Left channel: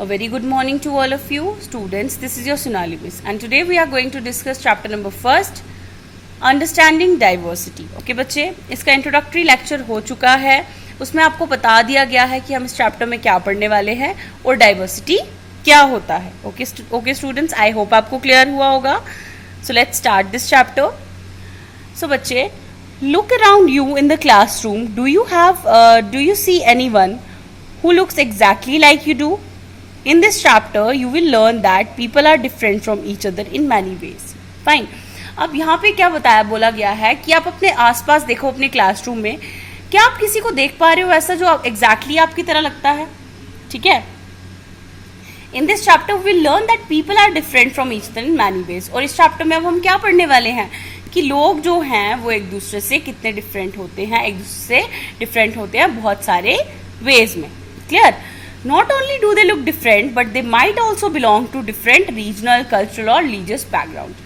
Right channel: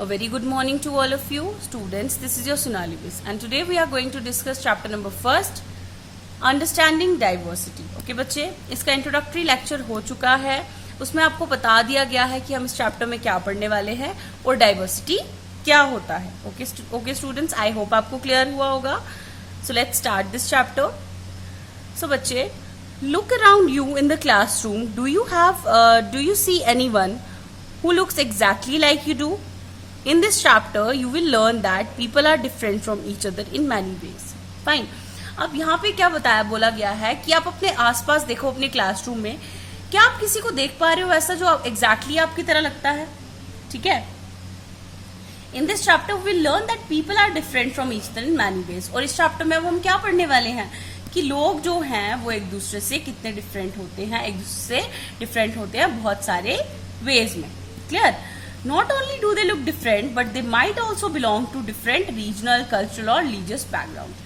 A very good morning to all of you students. This is your Sonali Miss and today we are going to discuss chapter number 1, Understanding Diversity. Okay बच्चे, इसका introductory lecture हो चुका है. उसमें आपको बता दिया गया है कि हम इस चैप्टर में क्या पढ़ने वाले हैं और डाइवर्सिटी क्या होता है. ओके स्टूडेंट्स, आई होप आपको क्लियर हुआ होगा. So let's start this chapter. So बच्चे, look around you in the classroom. Do you see anyone who looks exactly like you do? In this chapter you will learn that people are different from each other in many ways. Fine. अब यहाँ पे क्या बोला गया है कि आप अपने आसपास देखो, अपने क्लासरूम में क्या आप किसी को देख पा रहे हो ऐसा जो एग्जैक्टली आपकी तरह लगता है. ठीक है. In this chapter we will learn that people are different from each other in many ways. और इस चैप्टर में अब हम क्या पढ़ने वाले हैं कि लोग जो हैं वो एक दूसरे से कितने डिफरेंट होते हैं. एक दूसरे से डिफरेंट होते हैं बहुत सारे वेज में. Clear. Not only do they look different, but they might also belong to different regional, cultural और religious background.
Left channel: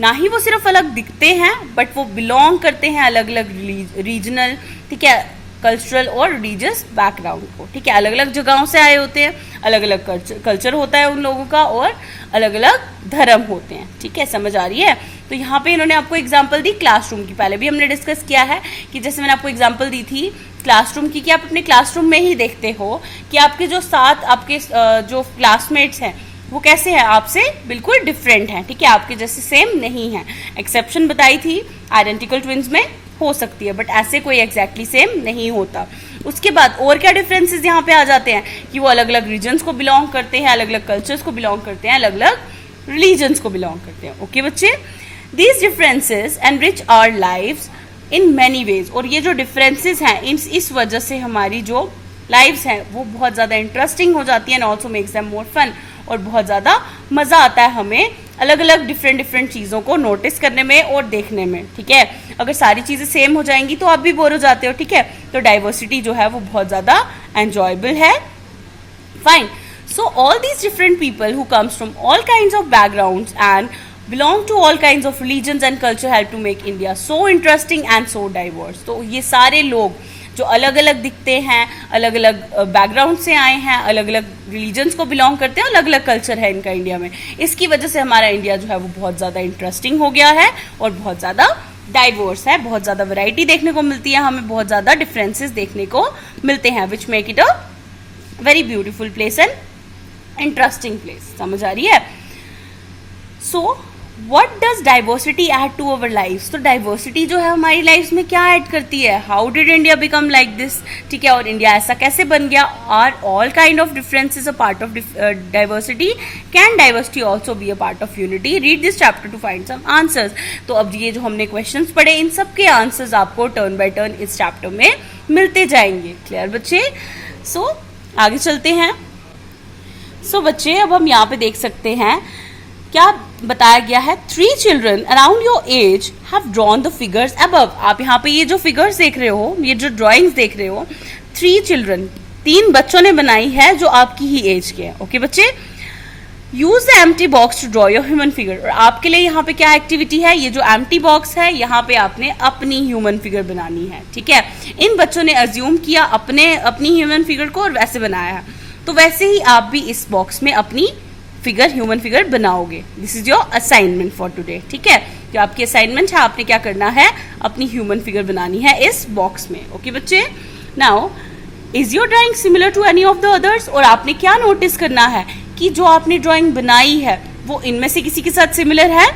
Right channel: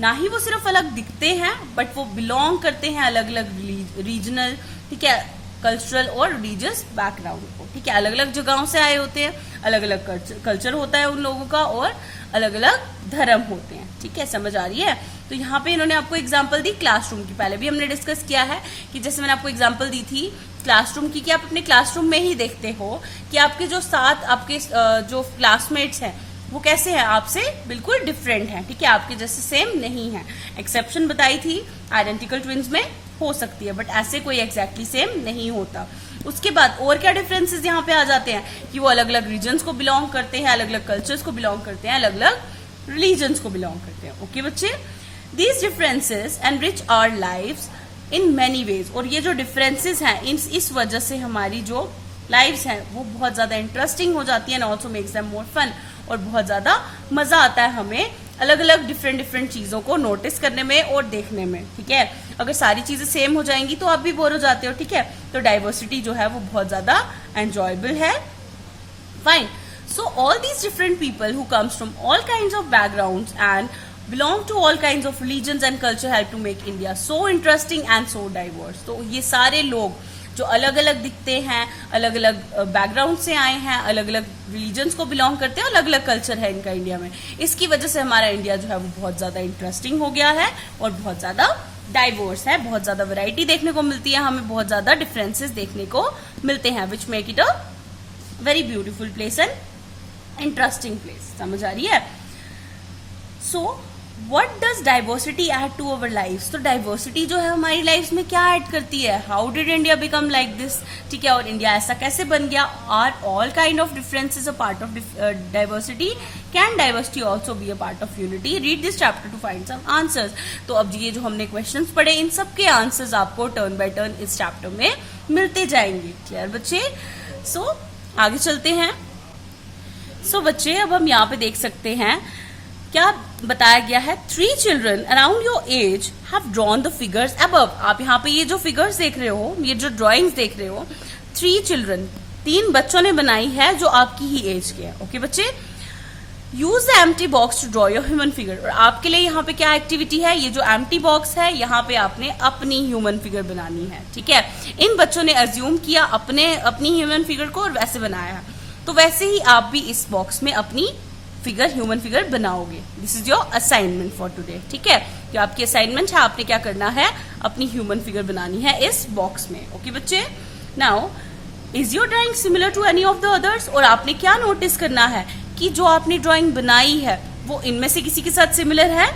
ना ही वो सिर्फ अलग दिखते हैं, बट वो बिलोंग करते हैं अलग अलग रीजनल, ठीक है, कल्चरल और रिलीजियस बैकग्राउंड को. ठीक है, अलग अलग जगहों से आए होते हैं, अलग अलग कल्चर होता है उन लोगों का और अलग अलग धर्म होते हैं. ठीक है, समझ आ रही है. तो यहाँ पे इन्होंने आपको एग्जांपल दी क्लासरूम की. पहले भी हमने डिस्कस किया है कि जैसे मैंने आपको एग्जांपल दी थी क्लासरूम की कि आप अपने क्लासरूम में ही देखते हो कि आपके जो साथ आपके जो क्लासमेट्स हैं वो कैसे हैं, आपसे बिल्कुल डिफरेंट हैं. ठीक है, आपके जैसे सेम नहीं है. एक्सेप्शन बताई थी, आइडेंटिकल ट्विंस में हो सकती है, बट ऐसे कोई एग्जैक्टली सेम नहीं होता. उसके बाद और क्या डिफरेंसेस यहाँ पे आ जाते हैं कि वो अलग अलग रीजन्स को बिलोंग करते हैं, अलग अलग कल्चर्स को बिलोंग करते हैं, अलग अलग रिलीजन्स को बिलोंग करते हैं. ओके बच्चे, these differences enrich our lives in many ways. और ये जो डिफरेंसेस हैं इस वजह से हमारी जो लाइव्स हैं वो बहुत ज्यादा इंटरेस्टिंग हो जाती है and also makes them more fun. और बहुत ज्यादा मजा आता है हमें अलग अलग डिफरेंट चीजों को नोटिस करने में और देखने में. ठीक है, अगर सारी चीजें सेम हो जाएंगी तो आप भी बोर हो जाते हो. ठीक है, तो डाइवर्सिटी जो है वो बहुत ज्यादा एंजॉयबल है. Fine. So all these different people who comes from all kinds of backgrounds and belong to all kinds of religions and culture help to make India so interesting and so diverse. तो ये सारे लोग जो अलग अलग दिखते हैं, अलग अलग बैकग्राउंड से आए हैं, अलग अलग रिलीजन्स को बिलोंग करते हैं, अलग अलग कल्चर है इनका इंडिया में. इसकी वजह से हमारा इंडिया जो है वो बहुत ज्यादा इंटरेस्टिंग हो गया है और बहुत ज्यादा डाइवर्स है. बहुत ज्यादा वैरायटी देखने को मिलती है हमें, बहुत ज्यादा डिफरेंसेस देखने को मिलते हैं, which make it a very beautiful place and interesting place. समझ आ रही है. सो What does diversity add to our lives? तो डाइवर्सिटी जो है हमारी लाइफ में क्या ऐड करती है? How did India become like this? ठीक है, और इंडिया ऐसा कैसे बन गया? Are all kind of differences a part of diversity? Can diversity also be a part of unity? Read this chapter to find some answers. तो अब ये जो हमने क्वेश्चंस पढ़े इन सब के आंसर्स आपको टर्न बाय टर्न इस चैप्टर में मिलते जाएंगे. क्लियर बच्चे? सो आगे चलते हैं. सो बच्चे, अब हम यहाँ पे देख सकते हैं क्या बताया गया है. 3 children around your age have drawn the figures above. आप यहाँ पे ये जो फिगर्स देख रहे हो, ये जो ड्राइंग्स देख रहे हो, 3 children 3 बच्चों ने बनाई है जो आपकी ही एज के हैं. ओके बच्चे, use the empty box to draw your human figure. और आपके लिए यहाँ पे क्या एक्टिविटी है, ये जो एम्प्टी बॉक्स है यहाँ पे आपने अपनी ह्यूमन फिगर बनानी है. ठीक है, इन बच्चों ने अज्यूम किया अपनी ह्यूमन फिगर को और वैसे बनाया है, तो वैसे ही आप भी इस बॉक्स में अपनी ह्यूमन फिगर बनाओगे. This is your assignment for today. ठीक है, जो आपकी असाइनमेंट है, आपने क्या करना है, अपनी ह्यूमन फिगर बनानी है इस बॉक्स में. ओके बच्चे, now is your drawing similar to any of the others. और आपने क्या नोटिस करना है कि जो आपने ड्राइंग बनाई है वो इनमें से किसी के साथ सिमिलर है.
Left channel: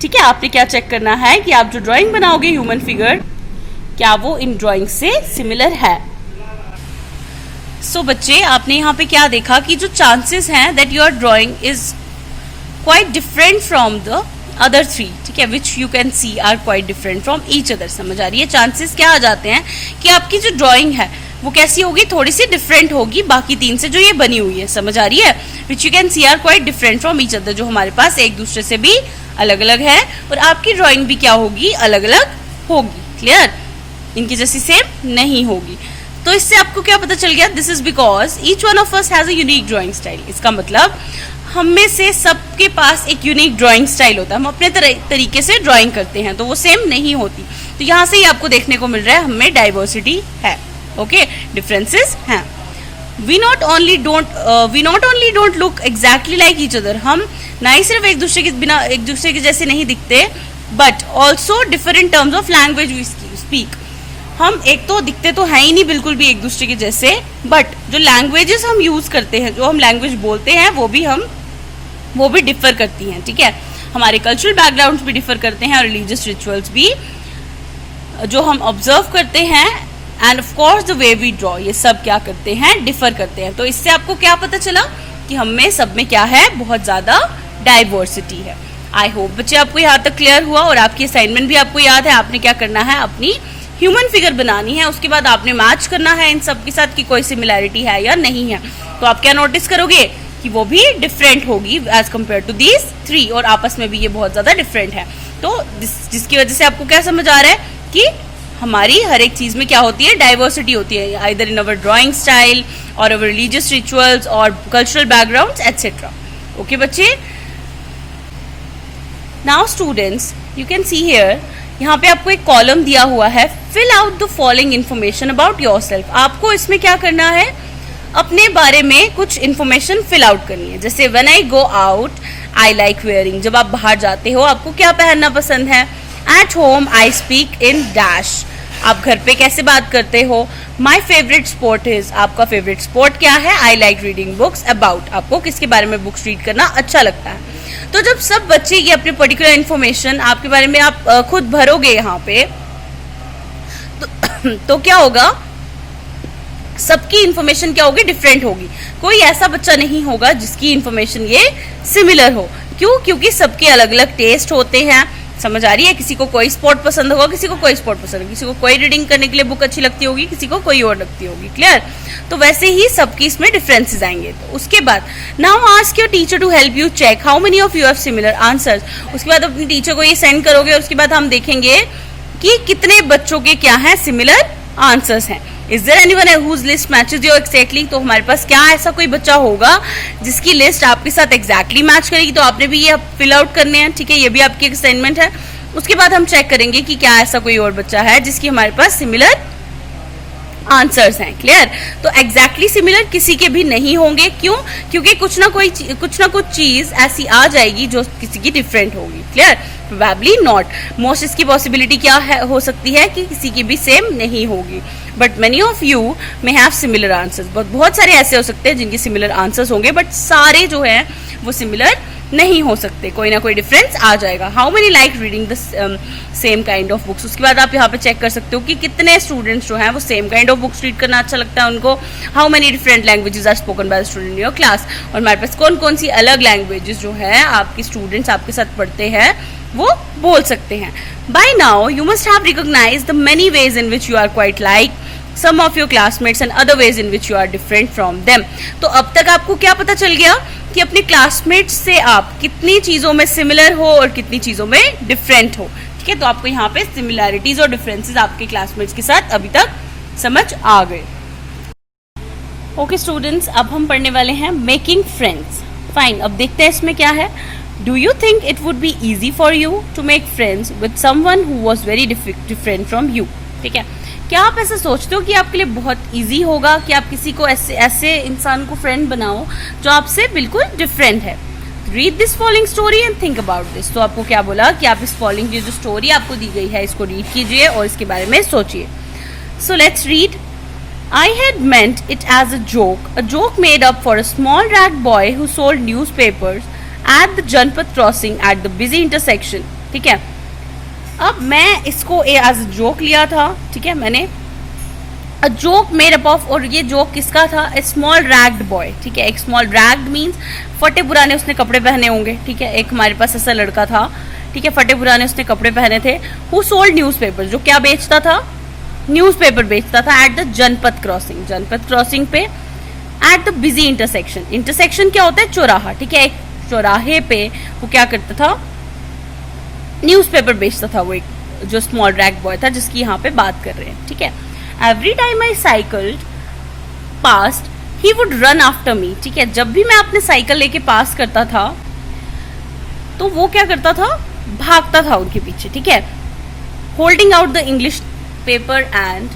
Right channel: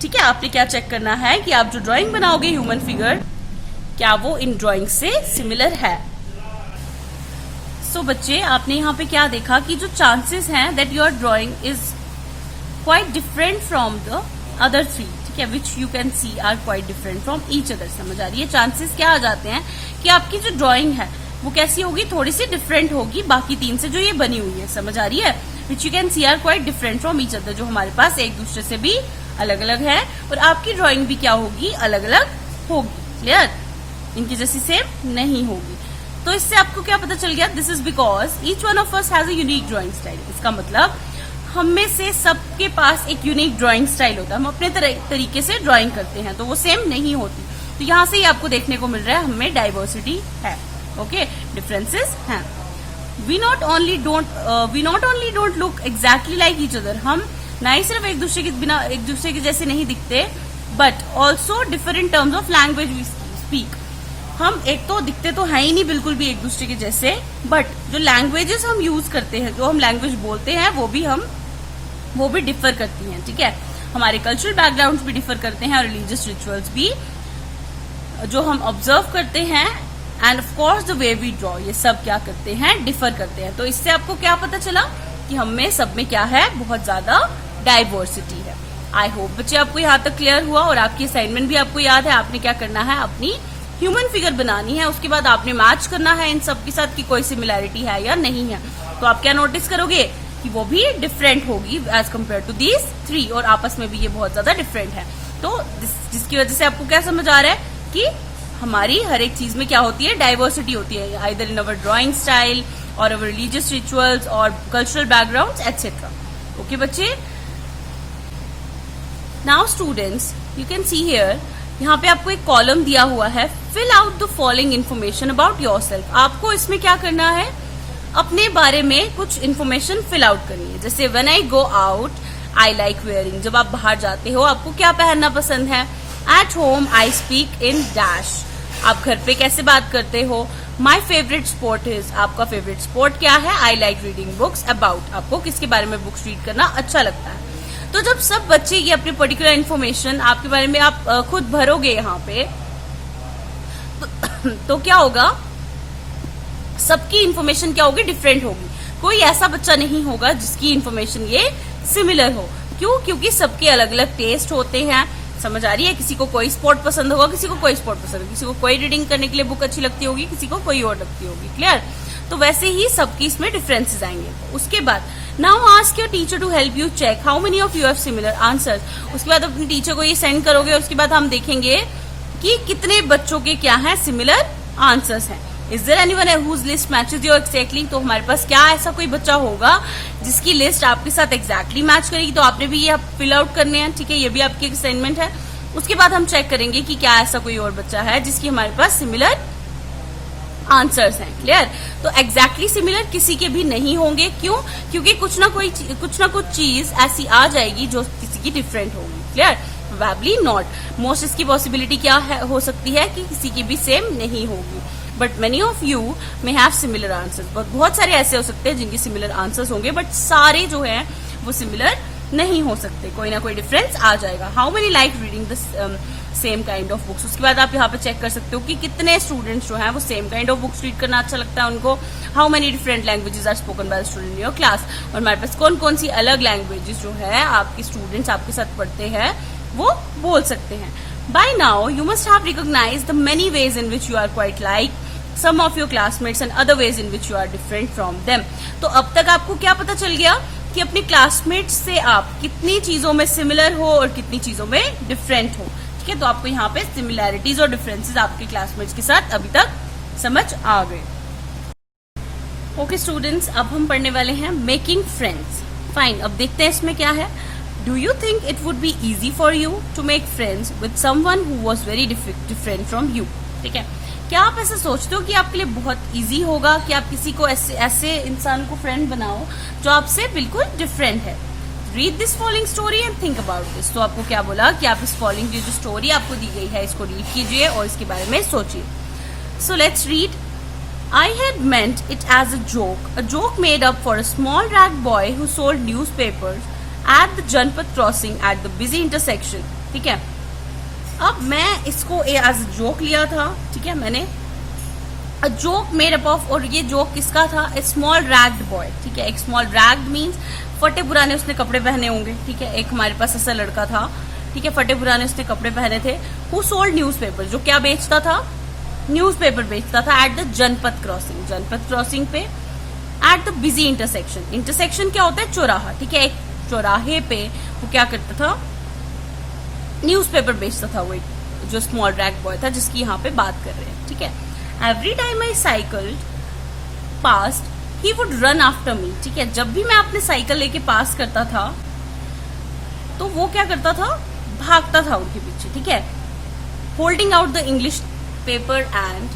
ठीक है, आपने क्या चेक करना है कि आप जो ड्राइंग बनाओगे ह्यूमन फिगर, क्या वो इन ड्राइंग से सिमिलर है. सो बच्चे, आपने यहाँ पे क्या देखा कि जो चांसेस हैं that your drawing is quite different from the other 3. ठीक है, which you can see are quite different from each other. समझ आ रही है. चांसेस क्या आ जाते हैं कि आपकी जो ड्राइंग है वो कैसी होगी, थोड़ी सी डिफरेंट होगी बाकी 3 से जो ये बनी हुई है. समझ आ रही है. Which you can see are quite different from each other, जो हमारे पास एक दूसरे से भी अलग अलग है और आपकी ड्राइंग भी क्या होगी, अलग अलग होगी. क्लियर, इनकी जैसी सेम नहीं होगी. तो इससे आपको क्या पता चल गया, this is because each one of us has a unique drawing style. इसका मतलब हम में से सबके पास एक यूनिक ड्राइंग स्टाइल होता है, हम अपने तरीके से ड्राइंग करते हैं, तो वो सेम नहीं होती. तो यहाँ से ही आपको देखने को मिल रहा है हमें डाइवर्सिटी है. ओके, डिफरेंसेस हैं. We not only don't look exactly like each other, हम ना ही सिर्फ एक दूसरे के जैसे नहीं दिखते, but also different terms of language we speak. हम एक तो दिखते तो है ही नहीं बिल्कुल भी एक दूसरे के जैसे, बट जो लैंग्वेजेस हम यूज करते हैं, जो हम लैंग्वेज बोलते हैं, वो भी डिफर करती हैं, ठीक है। हमारे कल्चरल बैकग्राउंड्स भी डिफर करते हैं और रिलीजियस रिचुअल्स भी जो हम ऑब्जर्व करते हैं, and of course the way we draw, ये सब क्या करते हैं, डिफर करते हैं। तो इससे आपको क्या पता चला कि हम में सब में क्या है, बहुत ज्यादा डाइवर्सिटी है। आई होप बच्चे आपको यहाँ तक क्लियर हुआ, और आपकी असाइनमेंट भी आपको याद है। आपने क्या करना है, अपनी ह्यूमन फिगर बनानी है, उसके बाद आपने मैच करना है इन सब के साथ कि कोई सिमिलैरिटी है या नहीं है। तो आप क्या नोटिस करोगे कि वो भी डिफरेंट होगी एज कम्पेयर टू दीज 3, और आपस में भी ये बहुत ज्यादा डिफरेंट है। तो जिसकी वजह से आपको क्या समझ आ रहा है कि हमारी हर एक चीज में क्या होती है, डाइवर्सिटी होती है, either in our drawing style और अवर रिलीजियस रिचुअल्स और कल्चरल बैकग्राउंड्स एटसेट्रा। ओके बच्चे, now students you can see here, यहाँ पे आपको एक कॉलम दिया हुआ है, fill out the following information about yourself. आपको इसमें क्या करना है, अपने बारे में कुछ इन्फॉर्मेशन फिल आउट करनी है। जैसे when I go out I like wearing, जब आप बाहर जाते हो आपको क्या पहनना पसंद है। At home I speak in dash, आप घर पे कैसे बात करते हो। माई फेवरेट स्पोर्ट इज, आपका फेवरेट स्पोर्ट क्या है। I like reading books about, आपको किसके बारे में बुक्स रीड करना अच्छा लगता है। तो जब सब बच्चे ये अपने पर्टिकुलर इन्फॉर्मेशन आपके बारे में आप खुद भरोगे यहाँ पे, तो क्या होगा, सबकी इन्फॉर्मेशन क्या होगी, डिफरेंट होगी। कोई ऐसा बच्चा नहीं होगा जिसकी इन्फॉर्मेशन ये सिमिलर हो। क्यों? क्योंकि सबके अलग अलग टेस्ट होते हैं। समझ आ रही है? किसी को कोई स्पोर्ट पसंद होगा, किसी को कोई स्पोर्ट पसंद होगा, किसी को कोई रीडिंग करने के लिए बुक अच्छी लगती होगी, किसी को कोई और लगती होगी। क्लियर? तो वैसे ही सबकी इसमें डिफरेंसेस आएंगे। तो उसके बाद now ask your teacher to help you check how many of you have similar answers. उसके बाद अपनी टीचर को ये सेंड करोगे और उसके बाद हम देखेंगे कि कितने बच्चों के क्या है, सिमिलर आंसर्स हैं। Is there anyone whose list matches your exactly, तो हमारे पास क्या ऐसा कोई बच्चा होगा जिसकी लिस्ट आपके साथ एक्जैक्टली मैच करेगी। तो आपने भी ये फिल आउट करने हैं, ठीक है, ये भी आपकी असाइनमेंट है। उसके बाद हम चेक करेंगे कि क्या ऐसा कोई और बच्चा है जिसकी हमारे पास सिमिलर आंसर्स हैं। क्लियर? तो एग्जैक्टली सिमिलर किसी के भी नहीं होंगे। क्यों? क्योंकि कुछ ना कुछ चीज ऐसी आ जाएगी जो किसी की डिफरेंट होगी। क्लियर? प्रोबेबली नॉट, मोस्ट इसकी पॉसिबिलिटी क्या है, हो सकती है कि किसी की भी सेम नहीं होगी। But many of you may have similar answers, बहुत सारे ऐसे हो सकते हैं जिनके सिमिलर आंसर्स होंगे, बट सारे जो है वो सिमिलर नहीं हो सकते, कोई ना कोई डिफरेंस आ जाएगा। How many like reading the same kind of books. उसके बाद आप यहाँ पे चेक कर सकते हो कि कितने स्टूडेंट्स जो हैं वो same kind of books read करना अच्छा लगता है उनको। How many different languages are spoken by student in your class, और हमारे पास कौन कौन सी अलग लैंग्वेजेस जो है आपके स्टूडेंट्स आपके साथ पढ़ते हैं वो बोल सकते हैं। By now you must have recognised the many ways in which you are quite like some of your classmates and other ways in which you are different from them। तो अब तक आपको क्या पता चल गया कि अपने क्लासमेट्स से आप कितनी चीजों में सिमिलर हो और कितनी चीजों में डिफरेंट हो। ठीक है, तो आपको यहाँ पे सिमिलैरिटीज और डिफरेंसेस आपके क्लासमेट्स के साथ अभी तक समझ आ गए। ओके स्टूडेंट्स, अब हम पढ़ने वाले हैं मेकिंग फ्रेंड्स। फाइन, अब देखते हैं इसमें क्या है। Do you think it would be easy for you to make friends with someone who was very different from you? ठीक है, क्या आप ऐसा सोचते हो कि आपके लिए बहुत इजी होगा कि आप किसी को ऐसे इंसान को फ्रेंड बनाओ जो आपसे बिल्कुल डिफरेंट है? Read this following story and think about this. तो आपको क्या बोला कि आप इस फॉलोइंग की जो स्टोरी आपको दी गई है इसको रीड कीजिए और इसके बारे में सोचिए। So let's read. I had meant it as a joke made up for a small rat boy who sold newspapers at the Janpat crossing at the busy intersection। ठीक है, अब मैं इसको एज अ जोक लिया था। ठीक है, मैंने a joke made up of, और ये जोक किसका था? ए स्मॉल रैग्ड बॉय। ठीक है, एक स्मॉल रैग्ड मीन्स फटे पुराने उसने कपड़े पहने होंगे। ठीक है, एक हमारे पास ऐसा लड़का था, ठीक है, फटे पुराने उसने कपड़े पहने थे। हु सोल्ड न्यूज़पेपर, जो क्या बेचता था? न्यूज़पेपर बेचता था at the Janpath crossing, Janpath crossing पे। At the busy intersection, intersection क्या होता है? चौराहा। ठीक है, एक चौराहे पे वो क्या करता था? न्यूज़पेपर बेचता था। वो एक जो स्मॉल रैग बॉय था जिसकी यहाँ पे बात कर रहे हैं। ठीक है, every time I cycled past he would run after me. ठीक है, जब भी मैं अपने साइकिल लेके पास करता था तो वो क्या करता था? भागता था उनके पीछे। ठीक है, holding out the English paper and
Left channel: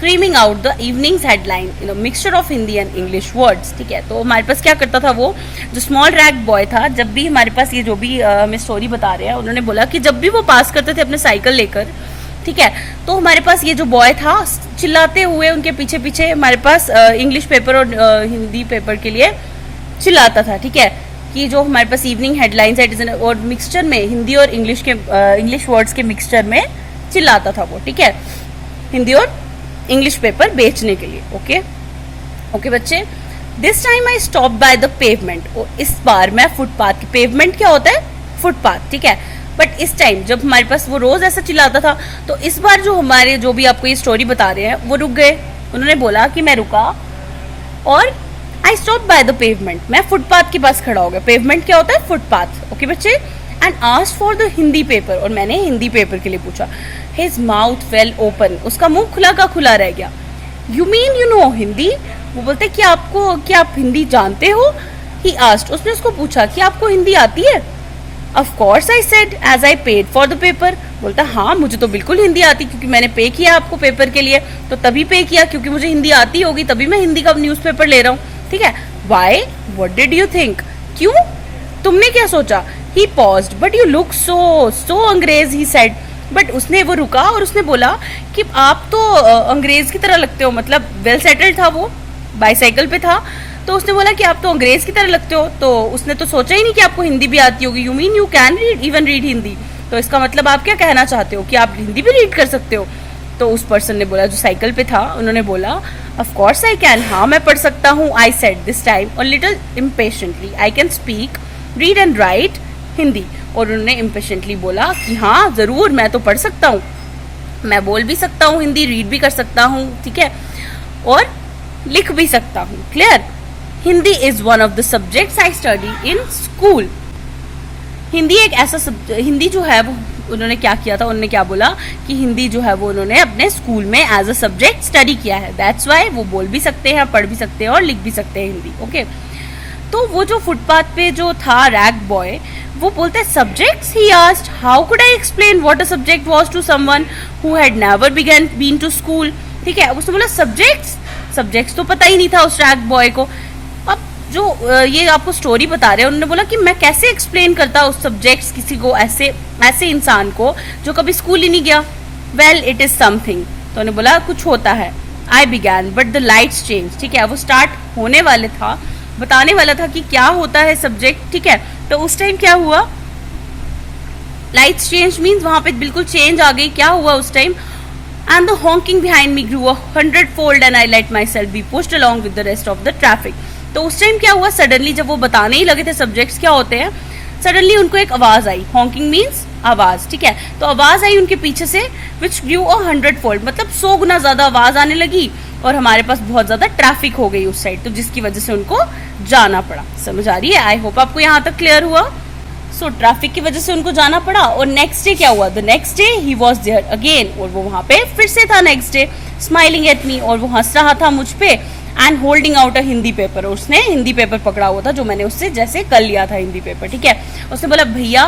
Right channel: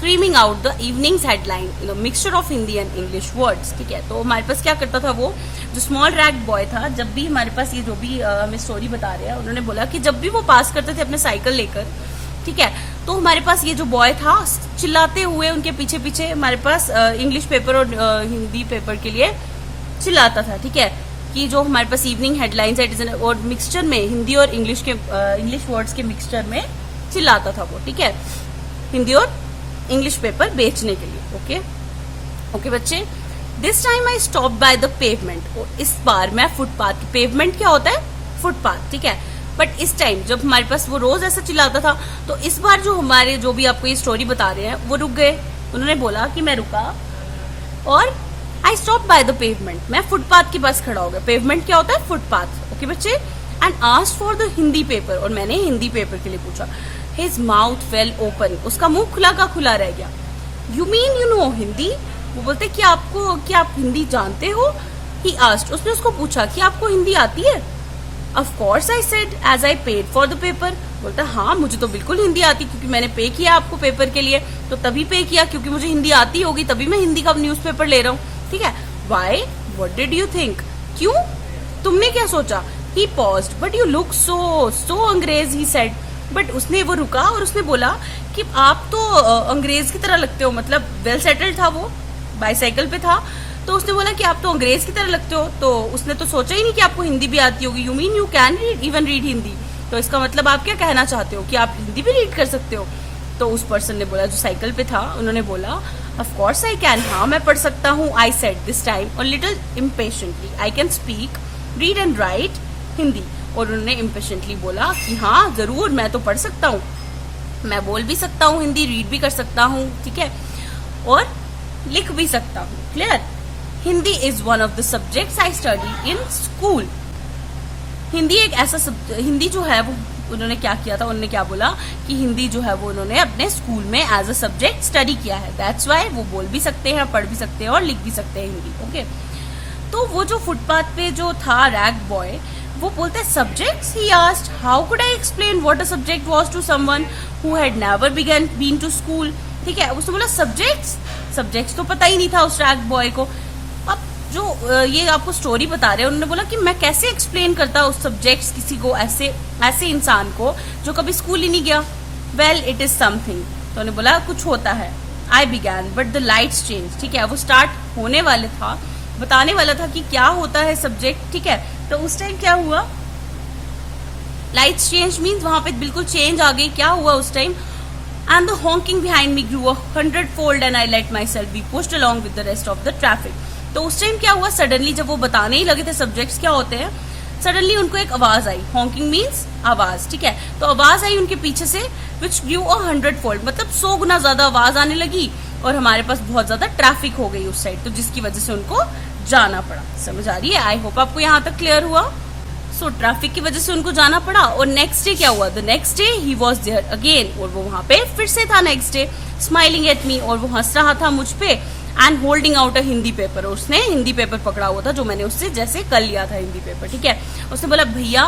screaming out the evenings headline mixture of Hindi and English words. ठीक है, तो हमारे पास क्या करता था वो जो स्मॉल रैग बॉय था, जब भी हमारे पास ये जो भी हमें स्टोरी बता रहे हैं, उन्होंने बोला कि जब भी वो पास करते थे अपने साइकिल लेकर, ठीक है, तो हमारे पास ये जो बॉय था चिल्लाते हुए उनके पीछे पीछे हमारे पास इंग्लिश पेपर और हिंदी पेपर के लिए चिल्लाता था। ठीक है, कि जो हमारे पास इवनिंग हेडलाइंस है और मिक्सचर में हिंदी और इंग्लिश वर्ड्स के मिक्सचर में चिल्लाता था वो। ठीक है, हिंदी और इंग्लिश पेपर बेचने के लिए। ओके बच्चे, this time I stop by the pavement. और इस बार मैं फुटपाथ, पेवमेंट क्या होता है? फुटपाथ। ठीक है, बट इस टाइम जब हमारे पास वो रोज ऐसा चिल्लाता था, तो इस बार जो भी आपको ये स्टोरी बता रहे हैं वो रुक गए। उन्होंने बोला कि मैं रुका और I stop by the pavement, मैं फुटपाथ के पास खड़ा हो गया। पेवमेंट क्या होता है? फुटपाथ। ओके बच्चे, and asked for the Hindi paper, और मैंने हिंदी पेपर के लिए पूछा। हिज माउथ फेल ओपन, उसका मुंह खुला का खुला रह गया। You mean you know Hindi? वो बोलते क्या आप हिंदी जानते हो? ही आस्क्ड, उसने उसको पूछा कि आपको हिंदी आती है? Of course I said as I paid for the paper. बोलता हाँ, मुझे तो बिल्कुल हिंदी आती, क्योंकि मैंने पे किया आपको पेपर के लिए, तो तभी पे किया, क्योंकि मुझे हिंदी आती होगी तभी मैं हिंदी का न्यूज़पेपर ले रहा हूँ। ठीक है, why, what did you think? क्यों, तुमने क्या सोचा? He paused, but you look so angrez, he said. But उसने वो रुका और उसने बोला कि आप तो अंग्रेज की तरह लगते हो, मतलब वेल सेटल्ड था वो, बाईसाइकिल पे था, तो उसने बोला कि आप तो अंग्रेज की तरह लगते हो। तो उसने तो सोचा ही नहीं कि आपको हिंदी भी आती होगी। You mean you can read Hindi? तो इसका मतलब आप क्या कहना चाहते हो कि आप हिंदी भी रीड कर सकते हो? तो उस पर्सन ने बोला, जो साइकिल पे था, उन्होंने बोला ऑफ कोर्स आई कैन, हाँ मैं पढ़ सकता हूँ। आई सेड दिस टाइम और little impatiently, I can speak, read and right Hindi. और उन्होंने इम्पेशेंटली बोला कि हाँ जरूर, मैं तो पढ़ सकता हूँ, मैं बोल भी सकता हूँ हिंदी, रीड भी कर सकता हूँ, ठीक है, और लिख भी सकता हूँ। Clear? Hindi is one of the subjects I study in school. Hindi एक ऐसा हिंदी जो है वो उन्होंने क्या किया था, उन्होंने क्या बोला कि हिंदी जो है वो उन्होंने अपने स्कूल में एज अ सब्जेक्ट स्टडी किया है। दैट्स वाई वो बोल भी सकते हैं, पढ़ भी सकते हैं और लिख भी सकते हैं हिंदी। ओके, तो वो जो फुटपाथ पे जो था रैग बॉय, वो बोलता है subjects. He asked how could I explain what a subject was to someone who had never been to school. ठीक है, उसने बोला सब्जेक्ट्स तो पता ही नहीं था उस रैग बॉय को। अब जो ये आपको स्टोरी बता रहे हैं, उन्होंने बोला कि मैं कैसे एक्सप्लेन करता उस सब्जेक्ट्स किसी को, ऐसे इंसान को जो कभी स्कूल ही नहीं गया। वेल इट इज समथिंग, तो उन्होंने बोला कुछ होता है। आई began but the lights change. ठीक है, वो स्टार्ट होने वाले था, बताने वाला था कि क्या होता है सब्जेक्ट। ठीक है, तो उस टाइम क्या हुआ, लाइट्स चेंज मीन्स वहां पे बिल्कुल चेंज आ गई। क्या हुआ उस time, and the honking behind me grew 100-fold and I let myself be pushed along with the rest of the traffic. तो उस टाइम क्या हुआ, सडनली जब वो बताने ही लगे थे सब्जेक्ट्स क्या होते हैं, सडनली उनको एक आवाज आई। हॉकिंग मीन्स आवाज। ठीक है, तो आवाज आई उनके पीछे से, विच ग्रू 100-fold, मतलब 100 गुना ज्यादा आवाज आने लगी और हमारे पास बहुत ज्यादा ट्रैफिक हो गई उस साइड, तो जिसकी वजह से उनको जाना पड़ा। समझ आ रही है? आई होप आपको यहाँ तक क्लियर हुआ। सो ट्रैफिक की वजह से उनको जाना पड़ा। और नेक्स्ट डे क्या हुआ, the next day he was there again, और वो वहां पे फिर से था next day, smiling at me, और वो हंस रहा था मुझ पे, and holding out a Hindi paper. उसने हिंदी पेपर पकड़ा हुआ था जो मैंने उससे जैसे कर लिया था हिंदी पेपर। ठीक है, उसने बोला भैया,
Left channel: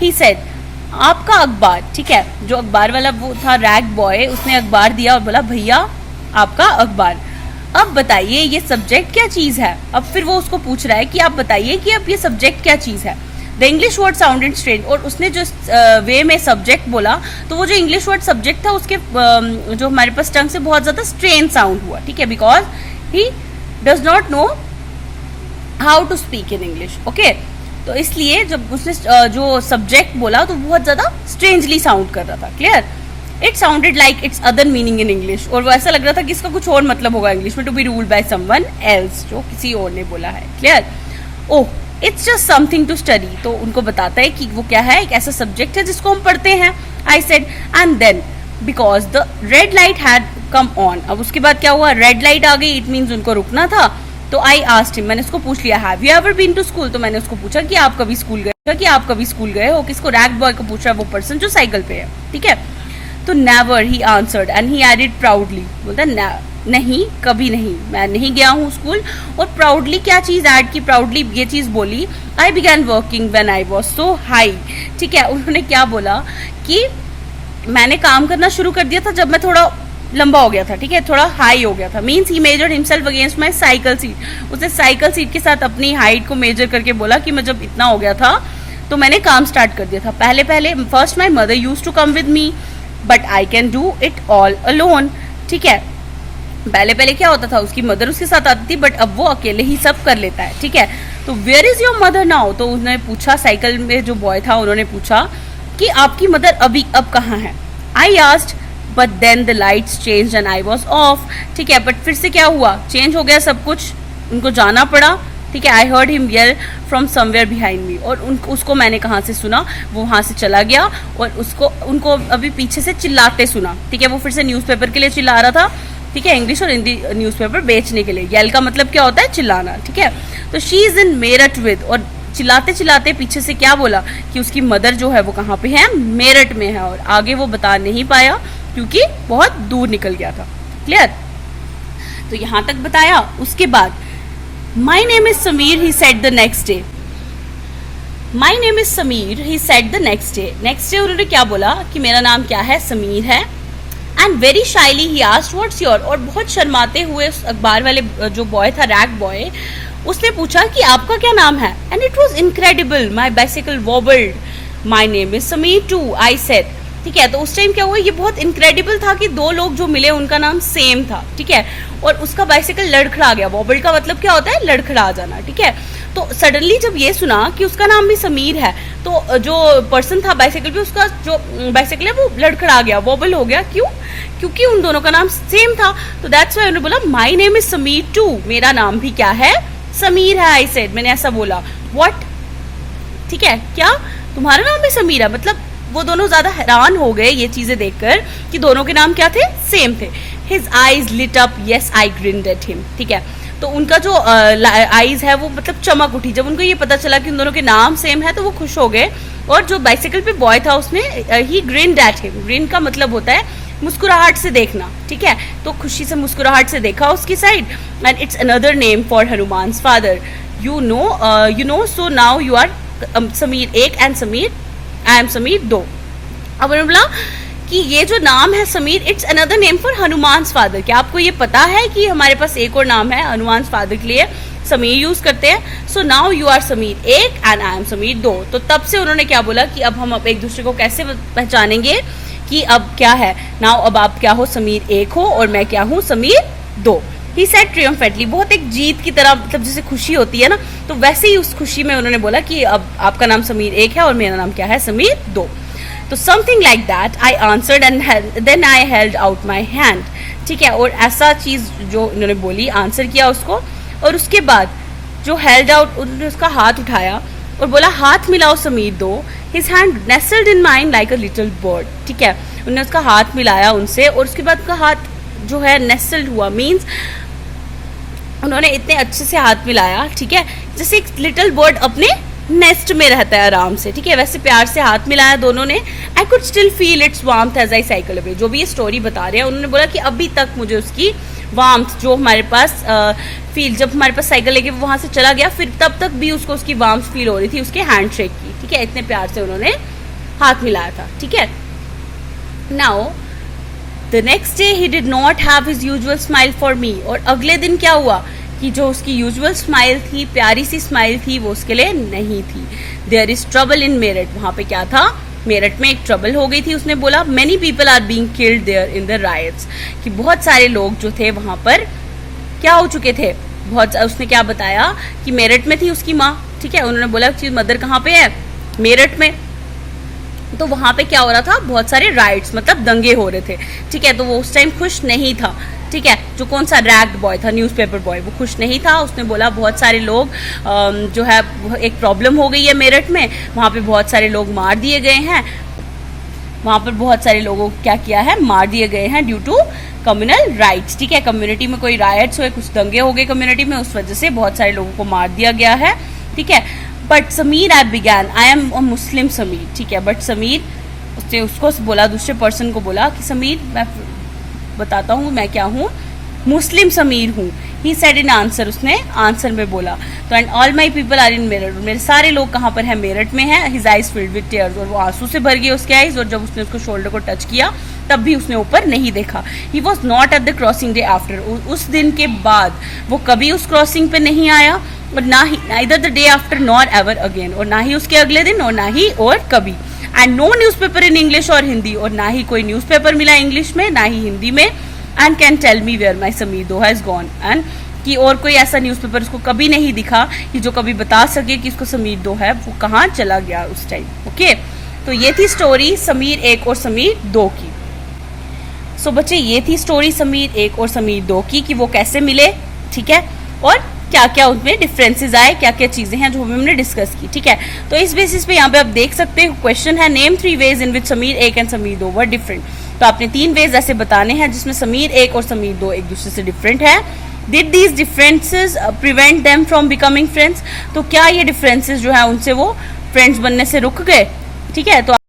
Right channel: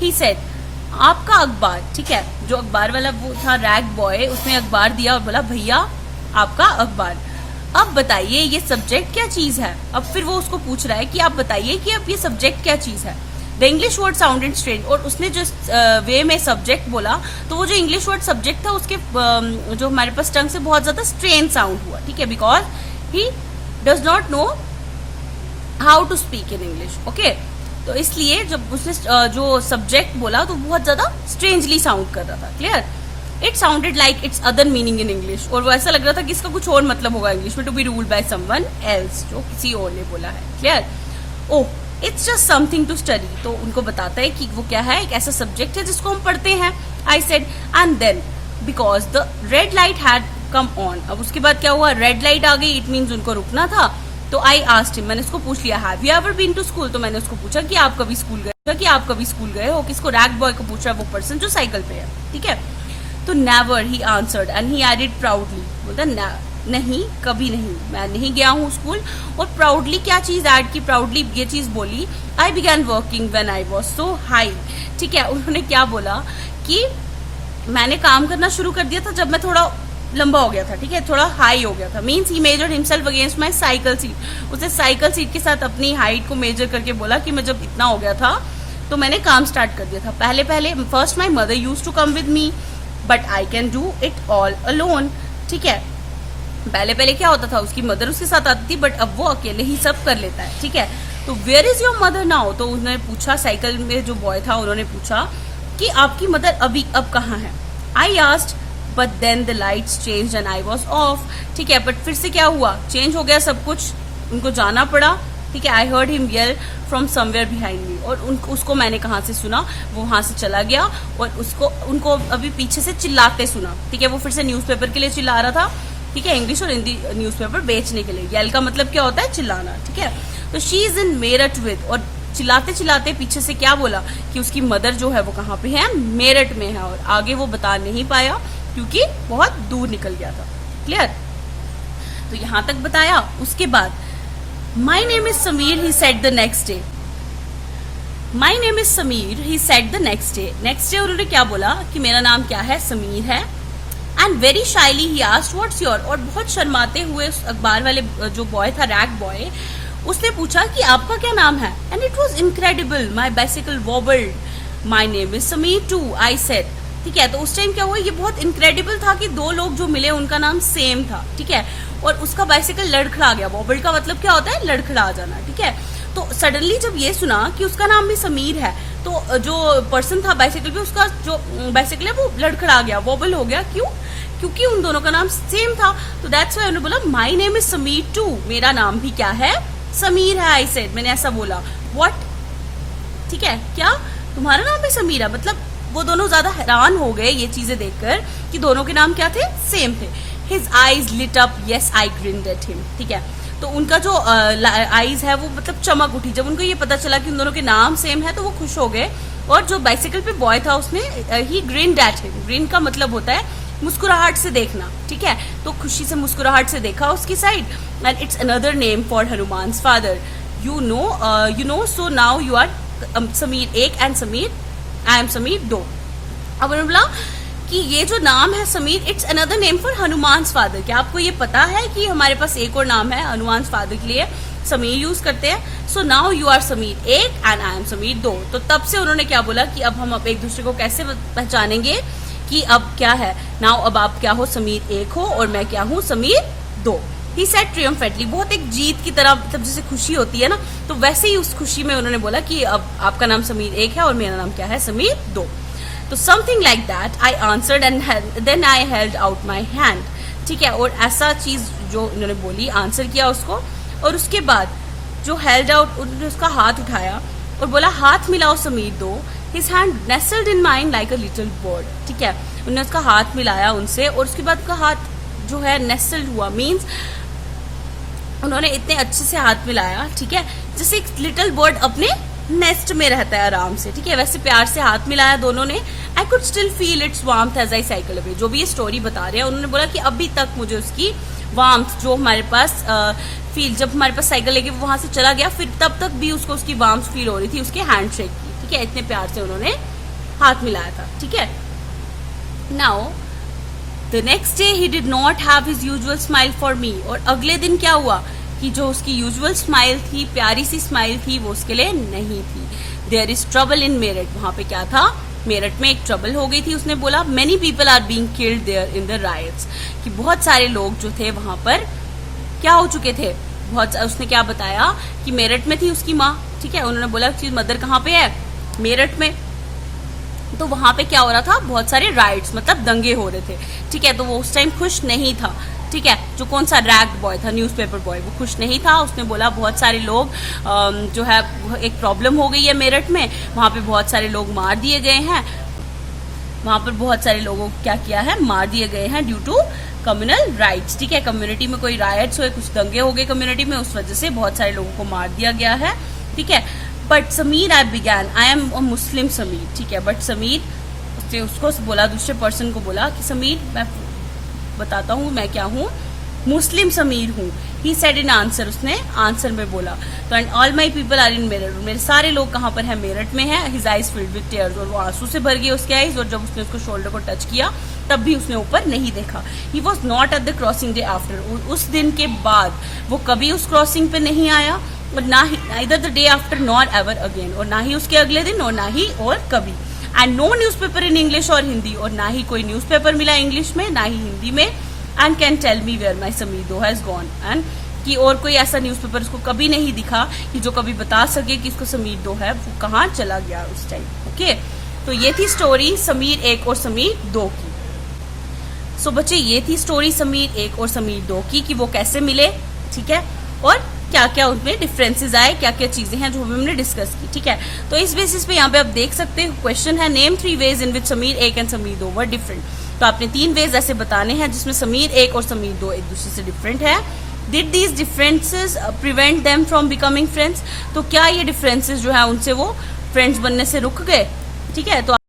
ही सेड आपका अखबार। ठीक है, जो अखबार वाला वो था रैग बॉय, उसने अखबार दिया और बोला भैया आपका अखबार, अब बताइए ये सब्जेक्ट क्या चीज है। अब फिर वो उसको पूछ रहा है कि आप बताइए कि अब ये सब्जेक्ट क्या चीज है। The English word sounded strange, और उसने जो वे में सब्जेक्ट बोला, तो वो जो इंग्लिश वर्ड सब्जेक्ट था उसके जो हमारे पास टंग से बहुत ज्यादा स्ट्रेन साउंड हुआ। ठीक है, because he does not know how to speak in English. Okay, तो इसलिए जब उसने जो सब्जेक्ट बोला तो बहुत ज्यादा स्ट्रेंजली साउंड कर रहा था। Clear? It sounded like it's other meaning in English, और वो ऐसा लग रहा था कि इसका कुछ और मतलब होगा इंग्लिश में, to be ruled by someone else, जो किसी और ने बोला है। Clear? Oh it's just something to study, तो उनको बताता है कि वो क्या है, एक ऐसा सब्जेक्ट है जिसको हम पढ़ते हैं। I said and then because the red light had come on. अब उसके बाद क्या हुआ, रेड लाइट आ गई, इट मीन्स उनको रुकना था। तो आई आस्क्ड हिम, मैंने उसको पूछ लिया, have you ever been to school, तो मैंने उसको पूछा कि आप कभी स्कूल गए हो। किसको, रैग बॉय को पूछ रहा है वो पर्सन जो साइकिल पे है। ठीक है, तो never he answered and he added proudly, बोलता नहीं कभी नहीं, मैं नहीं गया हूँ स्कूल। और प्राउडली क्या चीज ऐड की, प्राउडली ये चीज बोली, आई began working when I was so high. ठीक है, उन्होंने क्या बोला कि मैंने काम करना शुरू कर दिया था जब मैं थोड़ा लंबा हो गया था, ठीक है, थोड़ा हाई हो गया था। Means he measured himself against my cycle seat. उसने साइकिल सीट के साथ अपनी हाइट को मेजर करके बोला कि मैं जब इतना हो गया था तो मैंने काम स्टार्ट कर दिया था। पहले पहले first my mother use to come with me but I can do it all alone, ठीक है। पहले पहले क्या होता था, उसकी मदर उसके साथ आती थी बट अब वो अकेले ही सब कर लेता है, ठीक है। तो where is your mother now? तो उन्होंने पूछा, साइकिल में जो बॉय था उन्होंने पूछा कि आपकी मदर अभी अब कहाँ है? I asked but then the lights change and I was off, ठीक है। बट फिर से क्या हुआ, चेंज हो गया सब कुछ, उनको जाना पड़ा, ठीक है। I heard him yell from somewhere behind me, और उसको मैंने कहाँ से सुना, वो वहां से चला गया और उनको अभी पीछे से चिल्लाते सुना, ठीक है। वो फिर से न्यूज़पेपर के लिए चिल्ला रहा था, ठीक है, इंग्लिश और हिंदी न्यूज़पेपर बेचने के लिए। येल का मतलब क्या होता है, चिल्लाना, ठीक है। तो she is in Meerut with, और चिल्लाते चिल्लाते पीछे से क्या बोला कि उसकी मदर जो है वो कहाँ पे है, मेरठ में है, और आगे वो बता नहीं पाया क्योंकि बहुत दूर निकल गया था। क्लियर? तो यहां तक बताया। उसके बाद माई name is Sameer, he said the next day. My name is Sameer, he said the next day. Next day उन्होंने क्या बोला कि मेरा नाम क्या है, समीर है। And very shyly he asked what's your, और बहुत शर्माते हुए उस अखबार वाले जो बॉय था, रैग बॉय, उसने पूछा कि आपका क्या नाम है। And it was incredible, my bicycle wobbled, my name is Sameer too, I said, ठीक है। तो उस टाइम क्या हुआ, ये बहुत इनक्रेडिबल था कि दो लोग जो मिले उनका नाम सेम था, ठीक है, और उसका बाइसिकल लड़खड़ा गया। वॉबल्ड का मतलब क्या होता है, लड़खड़ा जाना, ठीक है। तो सडनली जब ये सुना कि उसका नाम भी समीर है, तो जो पर्सन था बाइसिकल पे, उसका जो बाइसिकल है वो लड़खड़ा गया, वॉबल हो गया। क्यों? क्योंकि उन दोनों का नाम सेम था। तो दैट्स व्हाई उन्होंने बोला my name is Sameer too, मेरा नाम भी क्या है, समीर है। आई सेड, मैंने ऐसा बोला। व्हाट, ठीक है, क्या तुम्हारा नाम भी समीर है? मतलब वो दोनों ज्यादा हैरान हो गए ये चीजें देखकर कि दोनों के नाम क्या थे, सेम थे। His eyes lit up, yes I grinned at him, ठीक है। तो उनका जो आईज है वो मतलब चमक उठी जब उनको ये पता चला कि उन दोनों के नाम सेम है, तो वो खुश हो गए। और जो बाइसिकल पे बॉय था उसने ही ग्रिन्ड एट हिम, ग्रिन का मतलब होता है मुस्कुराहट से देखना, ठीक है। तो खुशी से मुस्कुराहट से देखा उसकी side. And it's another name for Hanuman's father, you know, so now you are Sameer 1 and Sameer, I am Sameer 2। अब उन्होंने बोला कि ये जो नाम है Sameer, it's another name for Hanuman's father. क्या आपको ये पता है कि हमारे पास एक और नाम है हनुमान फादर के लिए, समीर यूज करते हैं। So now you are Sameer 1 and I am Sameer 2। तो तब से उन्होंने क्या बोला कि अब हम अब एक दूसरे को कैसे पहचानेंगे कि अब क्या है, नाउ अब आप क्या हो, समीर 1 हो और मैं क्या हूँ, समीर 2। ही सेड ट्रियम्फेंटली, बहुत एक जीत की तरह, मतलब जैसे खुशी होती है ना, तो वैसे ही उस खुशी में उन्होंने बोला कि अब आपका नाम समीर 1 है और मेरा नाम क्या है, समीर 2। तो something like that I answered and then I held out my hand, ठीक है। और ऐसा चीज जो उन्होंने बोली, आंसर किया उसको, और उसके बाद जो हेल्ड आउट, उन्होंने उसका हाथ उठाया और बोला हाथ मिलाओ Sameer 2। His hand nestled in mine like a little bird, ठीक है। उन्होंने उसका हाथ मिलाया उनसे और उसके बाद उसका हाथ जो है नेस्टल्ड हुआ, मीन्स उन्होंने इतने अच्छे से हाथ मिलाया, ठीक है, जैसे एक लिटिल बर्ड अपने नेस्ट में रहता है आराम से, ठीक है, वैसे प्यार से हाथ मिलाया दोनों ने। I could still feel its warmth as I cycle away. जो भी ये स्टोरी बता रहे हैं, उन्होंने बोला कि अभी तक मुझे उसकी वार्मथ जो हमारे पास फील, जब हमारे पास साइकिल लेके वहां से चला गया, फिर तब तक भी उसको उसकी वार्मथ फील हो रही थी, उसके हैंडशेक की, ठीक है, इतने प्यार से उन्होंने हाथ मिलाया था, ठीक है। Now the next day he did not have his usual smile for me. और अगले दिन क्या हुआ कि जो उसकी यूजुअल स्माइल थी, प्यारी सी स्माइल थी, वो उसके लिए नहीं थी। There is trouble in Meerut, वहां पे क्या था, मेरठ में एक ट्रबल हो गई थी। उसने बोला many people are being killed there in the riots, कि बहुत सारे लोग जो थे वहां पर क्या हो चुके थे, बहुत। उसने क्या बताया कि मेरठ में थी उसकी माँ, ठीक है। उन्होंने बोला कि मदर कहाँ पे है, मेरठ में। तो वहां पे क्या हो रहा था, बहुत सारे राइट्स, मतलब दंगे हो रहे थे, ठीक है। तो वो उस टाइम खुश नहीं था, ठीक है। जो कौन सा रैग्ड बॉय था, न्यूज़पेपर बॉय, वो खुश नहीं था। उसने बोला बहुत सारे लोग जो है, एक प्रॉब्लम हो गई है मेरठ में, वहां पे बहुत सारे लोग मार दिए गए हैं, वहां पर बहुत सारे लोगों को क्या किया है, मार दिए गए हैं ड्यू टू कम्युनल राइट्स, ठीक है। कम्युनिटी में कोई राइट्स हुए, कुछ दंगे हो गए कम्युनिटी में, उस वजह से बहुत सारे लोगों को मार दिया गया है, ठीक है। But Sameer I began, I am a Muslim Sameer, ठीक है। बट समीर, उसने उसको बोला, दूसरे पर्सन को बोला कि समीर मैं बताता हूँ मैं क्या हूँ, मुस्लिम समीर हूँ। ही सेड इन आंसर, उसने आंसर में बोला। तो and all my people are in Meerut, मेरे सारे लोग कहाँ पर है, मेरठ में है। His eyes filled with tears, और वो आंसू से भर गए उसके आईज। और जब उसने उसको शोल्डर को टच किया तब भी उसने ऊपर नहीं देखा। He was not at the crossing day after, उस दिन के बाद वो कभी उस क्रॉसिंग पे नहीं आया, और ना ही neither the day after nor ever again, और ना ही उसके अगले दिन और ना ही और कभी। And no newspaper in English और हिंदी, और ना ही कोई न्यूज़पेपर मिला इंग्लिश में ना ही हिंदी में। And can tell me where my Sameer दो हैज गॉन, एंड कि और कोई ऐसा न्यूज़पेपर उसको कभी नहीं दिखा कि जो कभी बता सके कि उसको समीर दो है वो कहाँ चला गया उस टाइम। ओके, तो ये थी स्टोरी समीर 1 और समीर 2 की। सो बच्चे ये थी स्टोरी समीर 1 और समीर 2 की कि वो कैसे मिले, ठीक है, और क्या क्या उनमें डिफरेंसेस आए, क्या क्या चीजें हैं जो हमने डिस्कस की, ठीक है। तो इस बेसिस पे यहाँ पे आप देख सकते हो क्वेश्चन है name 3 veg in which Sameer 1 and Sameer 2 were different. तो आपने 3 वेज ऐसे बताने हैं जिसमें समीर 1 और समीर 2 एक दूसरे से डिफरेंट है। Did these differences prevent them from becoming friends, तो क्या ये डिफरेंसेस जो है उनसे वो फ्रेंड्स बनने से रुक गए, ठीक है। तो